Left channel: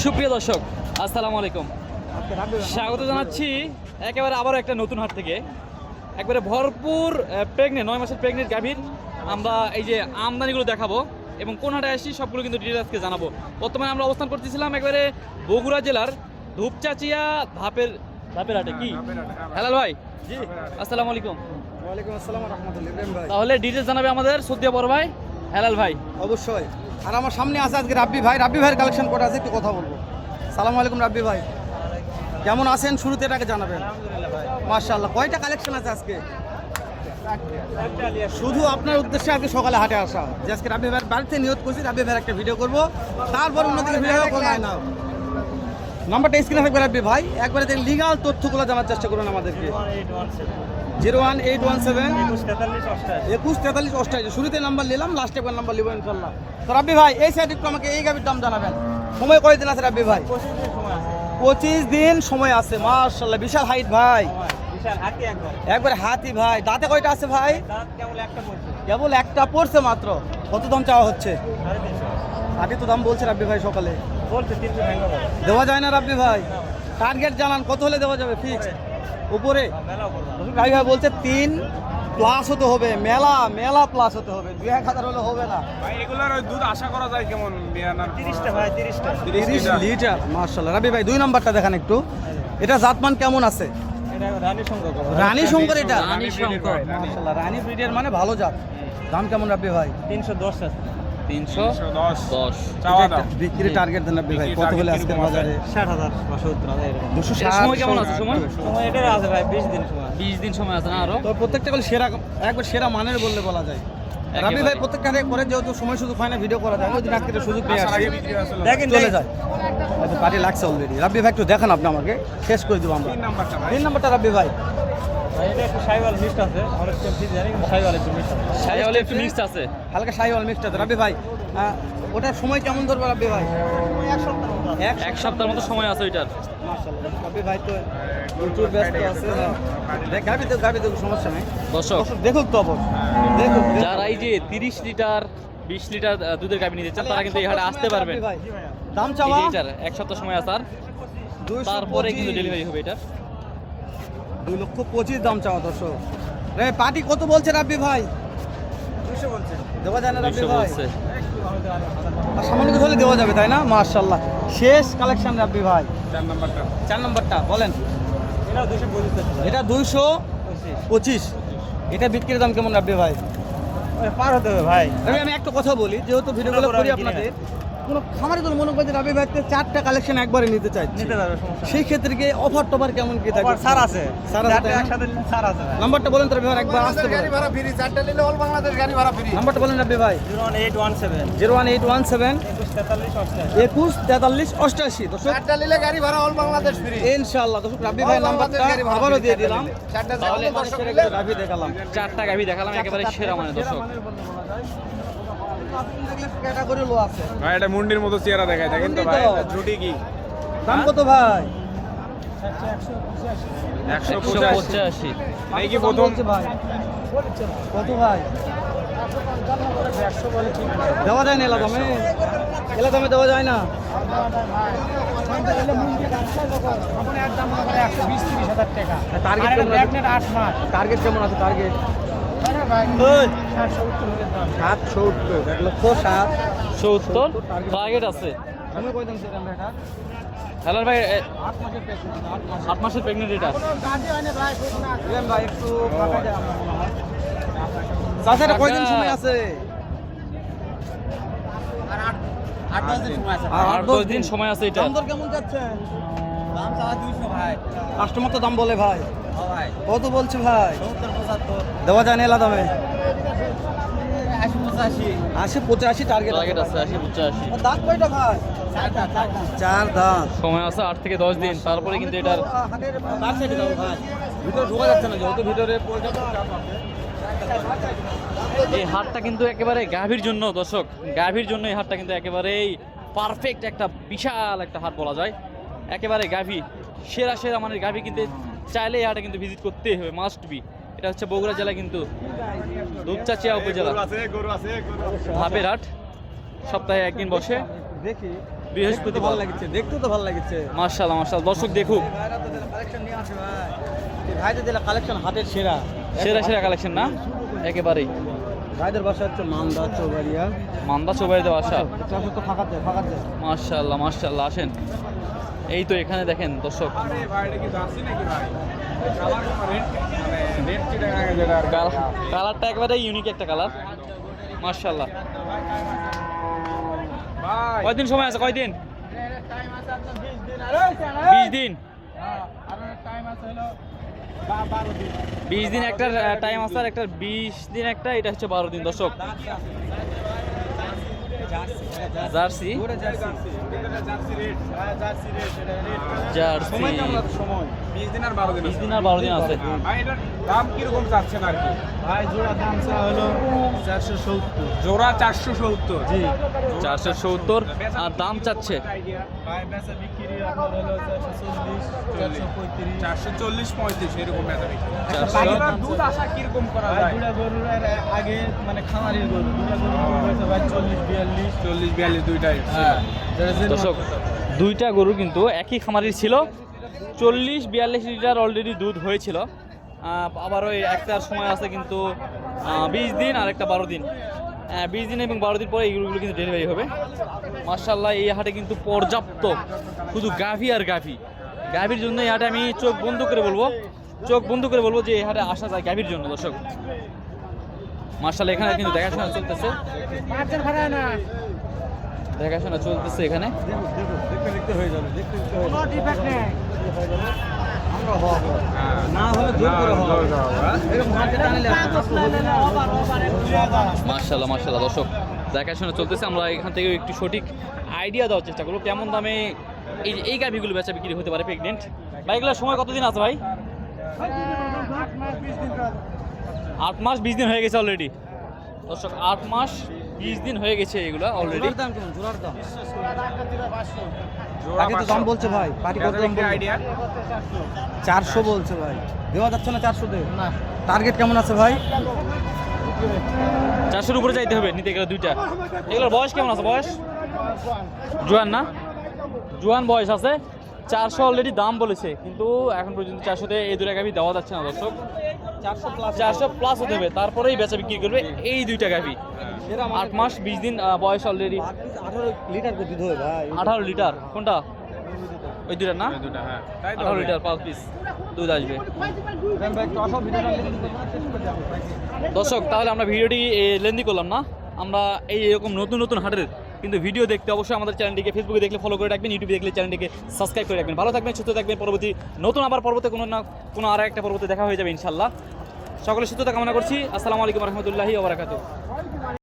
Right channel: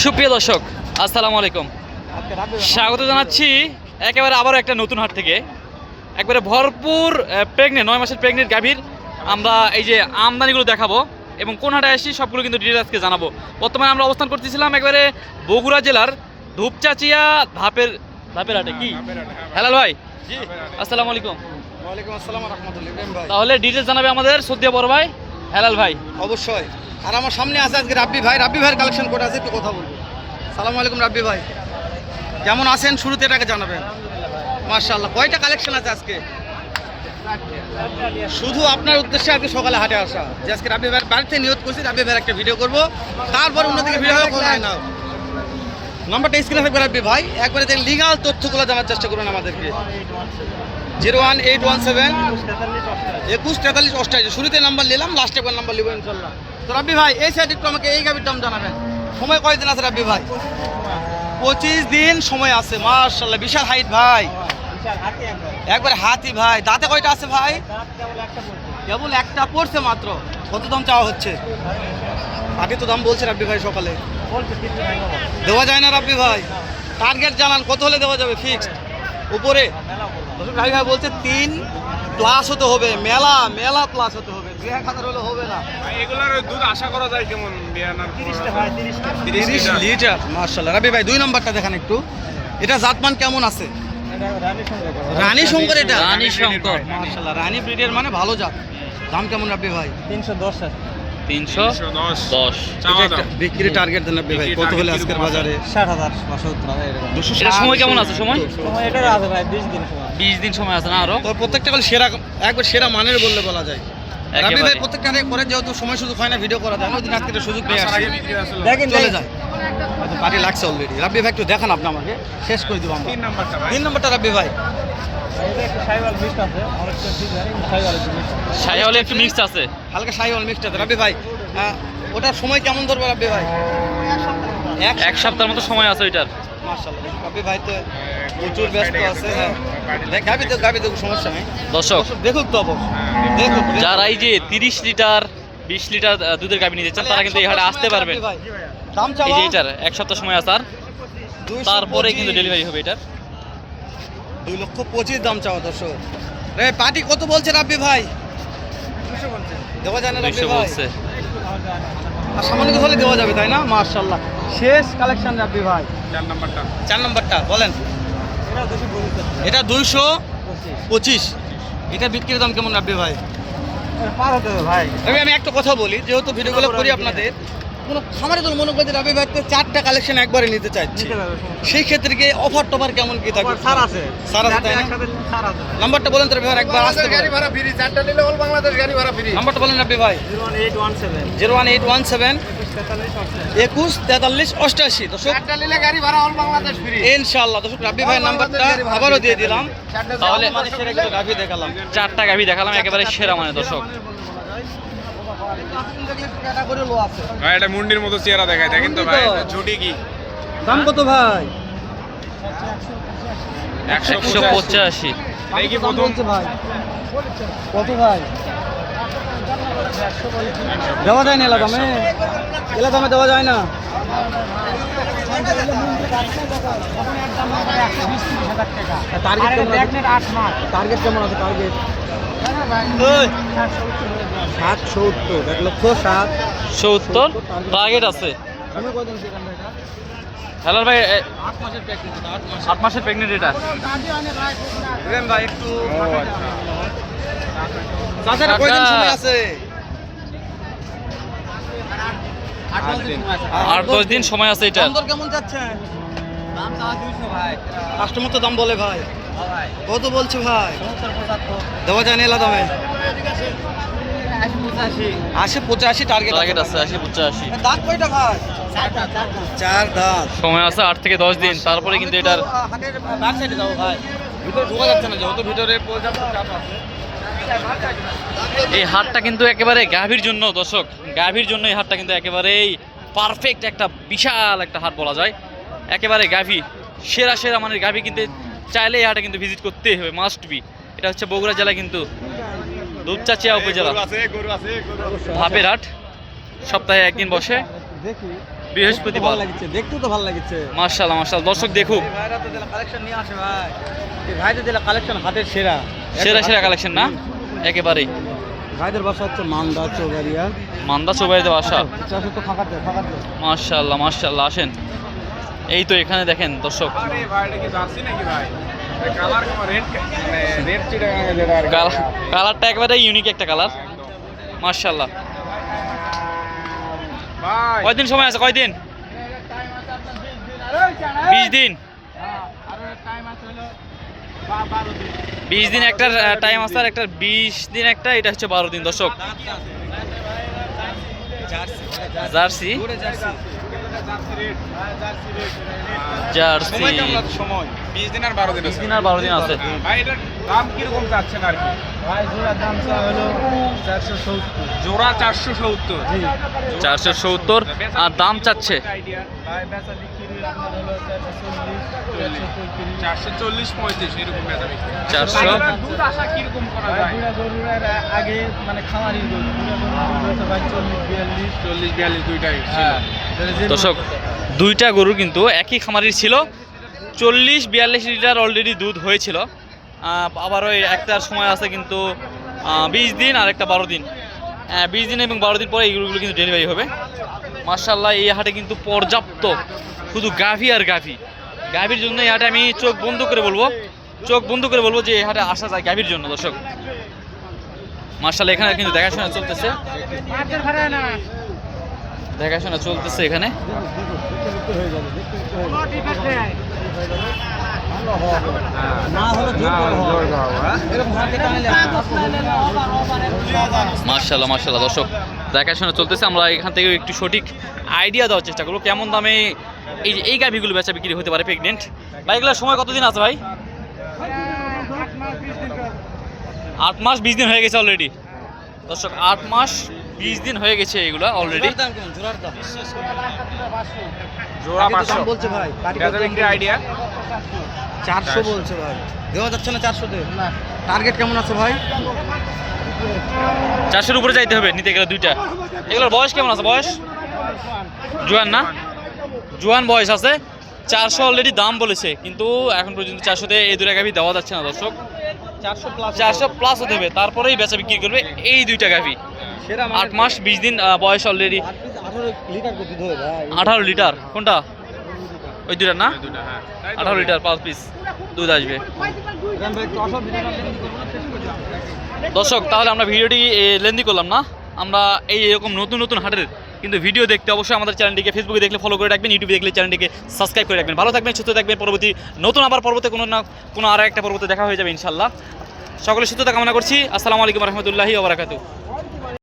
সুপ্রিয় দর্শক, আসসালামু আলাইকুম। স্বাগত জানাচ্ছি একেবারে আবারও একটা নতুন হাট থেকে। একবারে ভরপুর প্রেগনেন্ট 9 মাসের প্রেগনেন্ট গাভীর আমরা এই যে আমদানিগুলো দেখাবো এবং কোন হাটে আসি সবগুলো কিন্তু ডিটেলস আজকে জানাবো। বর্তমানে আমরা অবস্থান করতেছিলাম একবারে বগুড়া জেলার ধূপচাচিয়া ধাপের হাটে। কি হেলাল ভাই? জি, আসসালামু আলাইকুম। ওয়ালাইকুম আসসালাম রাহমাতুল্লাহ। ইব্রাহিম ভাই, তাহলে ডিটেলস জানাবে আমাদের সদ্যিয়া বড় ভাই হেলাল ভাই। অবশ্যই। আর আমার সামনে আছে আজকে রাব্বি ভাইয়ের কালেকশন করে আছে, একটু কথা বলবো। সালামু আলাইকুম রাব্বি ভাই, কেমন আছেন? শুরুতে এটাকে জানাবেন। মাশাআল্লাহ, কয়টা কালেকশন আছে আজকে? শুধু আপনার উদ্দেশ্যে আজকে সকালে হাটে আসা, যে আজকে রাব্বি ভাইয়ের বাড়িতে নিয়ত করছি রাব্বি ভাইয়ের একটা ভিডিও করবো, তারপর অন্যদিকে ভিডিও হবে কোথায় নাও। নাম্বারটা স্ক্রিনে থাকবে রাব্বি ভাই, একবারে যে লিগাল তথ্যগুলো জানার চেষ্টা করুন আমাদেরকে। 01817 21 43 88। শুরুতে নাম্বার নিলাম, লাস্টে একবার নাম্বার নিব ইনশাল্লাহ। তো রাব্বি ভাই, এই সাইড একটু আমাকে এই গাভির দাম জানাবেন। সময় কয়দিন আছে রাব্বি ভাই? 25 দিন সময় আছে। মাশাআল্লাহ, বিশাল হাইট ভাই, একবার হাতি ভাই। দাঁতে কয়টা আছে ভাই? কেবল একটা পড়ছে মাত্র। কত দাম চাওয়া হচ্ছে? আগে তো দাম বলছে রাব্বি ভাই সকালে। দেওয়া যায় না রাব্বি ভাই? টার্গেট জানান, কত হলে দেওয়া যাবে? ফিক্সড উপরে রাব্বি ভাই বলছে 3 প্লাস হতে হবে, মেলা প্লাস হতে হবে, 2-1000 হলে হবে না। এগুলোর দুধ আশা করা যায় কেমন? 30 লিটার। মাশাআল্লাহ রাব্বি ভাই, 2 নাম্বারটা দেখান একটু। এটা জাতমান কেমন আছে? রানী শঙ্কর। এটা রানী শঙ্কর। মাশাআল্লাহ, রানী ব্রিডের মানে ভালো জাত। দাম কেমন রাব্বি ভাই? 310। বিক্রি টার্গেট দেন রাব্বি ভাই, কত হলে আজকের বাজারে? 60,000 এটা সময় কেমন আছে? সময় এটা আছে ভাই 20 দিন সময় আছে না আরো? তো প্রত্যেকটা কল সেরা, একবার সেরা মানের বললে বলা যায়। রাব্বি ভাই প্রত্যেকটা করে যেহেতু সময় সুযোগ হয় না ভিডিও করা যায় না, ওই দিন আজকে সুযোগ পেয়ে আসছি, দেখেন চলে যায়। আচ্ছা, পার্টি লাগছে অলরেডি। রাব্বি ভাই একটু দেখান আপনি আমাকে, শেষ করে দিব আমরা। 3 নাম্বারটা রাব্বি ভাই। এটা একটু শাইওয়াল মিক্স আছে, অনেক শাইওয়াল একটু মিক্স আছে, হালকা শাইওয়াল মিক্সড আছে। রাব্বি ভাই, ওটার সময় কেমন ধরবে রাব্বি ভাই? এক সপ্তাহের মতো সময় আছে ওইটার। মাশাআল্লাহ, রাব্বি ভাই তো প্রচুর ব্যস্ত আছে। হ্যাঁ, গাবি তো সমস্যা নেই। দর্শক দেখুক তো অবশ্য, দেখুক। যারা এই যে 30 লিটার 20 লিটার দুধের গাভী নিতে চান তারা কিন্তু এই হাটে আসতে পারবেন। দাম এই যে এটার এক সপ্তাহ সময় আছে, আর তারপরে কিন্তু ডেলিভারি হবে। এটার 2,25,000 দাম চাওয়া। দর্শক রে, পার্টি কত বলছে রাব্বি ভাই? 200 বলছে। দেওয়া যায় না রাব্বি ভাই? বলছে। আর সামান্য কথা হলে দেওয়া যাবে, তাই না? মাশাআল্লাহ, শেষ কালেকশন রাব্বি ভাই। 4 নাম্বারটা বলেন। এটা 225। এটা বিক্রির দাম কেমন রাব্বি ভাই? পার হতে হবে ভাই। আমি একটা কথা বলি, যেহেতু ভিডিওগুলো করি আপনাদের, কোনো খামারের জন্য মনে করতে রাব্বি ভাই 4টা কালেকশন একবারে নিতে চাইছি, সেই ক্ষেত্রে কি অফার টফার কেমন কি থাকে? স্যার আছে, তাই না? নাম্বারটা বলেন তো রাব্বি ভাই, একবার আসতে গাড়ি ভাড়া ফ্রি। 4টা নিলে অল বাংলাদেশ গাড়ি ভাড়া ফ্রি। নাম্বারটা বলেন রাব্বি ভাই। 01817 21 43 88। দর্শক, 4টা নিলে গাড়ি ভাড়া অল বাংলাদেশ ফ্রি ইনশাআল্লাহ। দর্শক, রাব্বি ভাই নাম্বারটা আবারও দিয়ে দিলাম। তাহলে মানে সেরা একটা গাভী দেখালাম, 4টা গাভী দেখালাম, একেবারে সেরা মানে। দর্শক, ভাই এটা মুন্ডির মতো চেহারা দেখায়, দেখেন তো ভাই ঝুটি কি দাম কত ভাই? 185। এই কি প্রথম? ভাই কত ভাই? দেওয়া যায় না এলা দামে দেওয়া যায় না। টার্গেট কেমন আছে? টার্গেট 70 টার্গেট আছে। হ্যালো ভাই, 8 মাসের প্রেগনেন্ট এটা। ভাই একটু 8-10 দিন সময় আছে এটা। কেমন যাচ্ছে? কাস্টমার তো দাম বলে ভাই। কত বলছি ভাই? দেওয়া যায় না এলা দামে? 80-85 টার্গেট আছে। 80-85 দাঁত কয়টা ভাই? 4 দাঁত। সময় আছে 8 থেকে 10 দিন, তারপরে কিন্তু এটার ভিতরে ঢোকা যাচ্ছে না, যেহেতু ভিতরে এই হাটটা কিন্তু একেবারে গাভীর জন্য। দর্শক, গাভীর জন্য এই হাটটা কিন্তু একেবারেই পারফেক্ট একটা বিশাল একটা হাট বলা যায়। একেবারে গাভী, সেরা মানের গাভী কিনতে চাইলে এই হাটে কিন্তু ভিজিট করতেই হবে, মাস্ট বি। এটা হচ্ছে বগুড়া জেলা কিন্তু ধূপচাচিয়া উপজেলা ধাপের হাট। সপ্তাহে একদিন বসে। বৃহস্পতিবার। ভালো লাগছে, দেখতে তো ভালো লাগছে। মাশাআল্লাহ মাশাআল্লাহ, দর্শক দেখুক। কালেকশন নিয়ে আসে ভাই, ভাইদের দিলে কালেকশন হাতের সেরা সেরা কালেকশন না একেবারেই। ভাইদের বাসা হচ্ছে মান্দা চৌবাড়িয়া। মান্দা চৌবাড়িতে বাসা। তো ফাঁকাতে মাশাআল্লাহ মাশাআল্লাহ, আসেন। এই তো এখানে দেখেন দর্শক, কালারটা একেবারে ইউনিক একটা কালার। মাশাআল্লাহ। কয়দিন সময় আছে? কয়দিন? 20 দিন। 20 দিন একটা টাইম আছে, আর একটা 20 দিন একটা, এটা হচ্ছে 12 দিন দর্শক। জার্সি জার্সি সময় 20 দিন আর 12 দিন 20 দিন আর 12 দিন আছে। ভাই এটার দাম কিরকম চাচ্ছেন আর কি? ভাই জোড়ার দাম হলো 470। জোড়া 470। জি 470 আর দাম চাচ্ছে আইডিয়া ভাই বেচা বিক্রি আপনার হলো 440 440 35 এরকম বেচা বিক্রি। 400 দুধ আশা কিরকম করা যায়? গরুর আগে মানে খামারির গরু দুটা গরু ভাই 40 42 40 42 দুইটাই হ্যাঁ দর্শক, দুইটা গরু কিন্তু একই খামারির ছিল। 40-42 লিটার অলরেডি দুধ হয়েছিল। আবারও একটার সময় আছে কিন্তু 20 দিন আর একটা 12 দিন। 20 দিন এবং 12 দিন পরে এই গরুগুলো কিন্তু ডেলিভারি হবে। মাশাআল্লাহ, এই হাটে কিন্তু পর্যাপ্ত শুধু গাভী আর গাভী। গাভীর জন্য এই হাটে আমি চোখ বন্ধ করে বলবো যে এই হাটে আসা যায় গাভীর জন্য দর্শক। মাশাআল্লাহ, এখানে কিন্তু দেখাশোনা চলতেছে এখানে। দেখতে হয়ে যাবে, মাশাআল্লাহ দর্শক, দেখাশোনা চলতেছে। আমরা এখান থেকে একটু সঠিক আইডিয়া দেওয়ার চেষ্টা করবো কেমন দামে এই গাভীগুলো বেচা বিক্রি হতে পারে প্রেগনেন্ট। ভাই এগুলোর সময় কতদিন আছে ভাই? 8 মাস 20 দিন হয়ে গেছে অলরেডি দর্শক। 8 মাস 20 দিন হয়ে গেছে এগুলো অলরেডি। জোড়ার দাম জোড়া আগে তো দাম বলছে ভাই, বেচা বিক্রি আইডিয়া 400 বলছে ভাই, দেওয়া যাচ্ছে না 400 তে। টার্গেট কেমন আছে ভাই? 400-এর উপরে যাইতে হবে নিতে গেলে দুইটা। এগুলোর বয়স কেমন আছে? বয়স জোয়ান না? জোয়ান বয়স আছে। 400 অলরেডি দাম বলেছে, কিন্তু এখন পর্যন্ত 400-তে এই দুটা গাভী দেওয়া যাচ্ছে না দর্শক। 400 প্লাস হতে হবে, তারপরেই বেচা বিক্রি করবে এই দুইটা গাভী। 8 মাস 20 দিন বয়স অলরেডি। 18 লিটার দুধ হয় ভাই। 18 লিটার কোনটা? ওই দুইটা না? দুইটা হ্যাঁ 18 লিটার 5 পিস দুধ আসবে দর্শক। তাহলে আমরা ভিডিওটি লেন্দি করলাম না। আমরা এরকম নতুন হাটের কিন্তু ভিডিও দেখতে অবশ্যই আমাদের চ্যানেলটিকে ফেসবুকে দেখলে ফলো করে রাখবেন, ইউটিউবে দেখলে চ্যানেলটিকে সাবস্ক্রাইব করে রাখবেন। ভালো থাকবেন, সুস্থ থাকবেন। পরবর্তী পর্বতে কোনো আর একটা পর্বতে দেখা হয়ে যাবে ইনশাল্লাহ। সকলে সুস্থতা কামনা করছি। আসসালামু আলাইকুম রহমতুল্লাহি ওয়া বারাকাতুহু।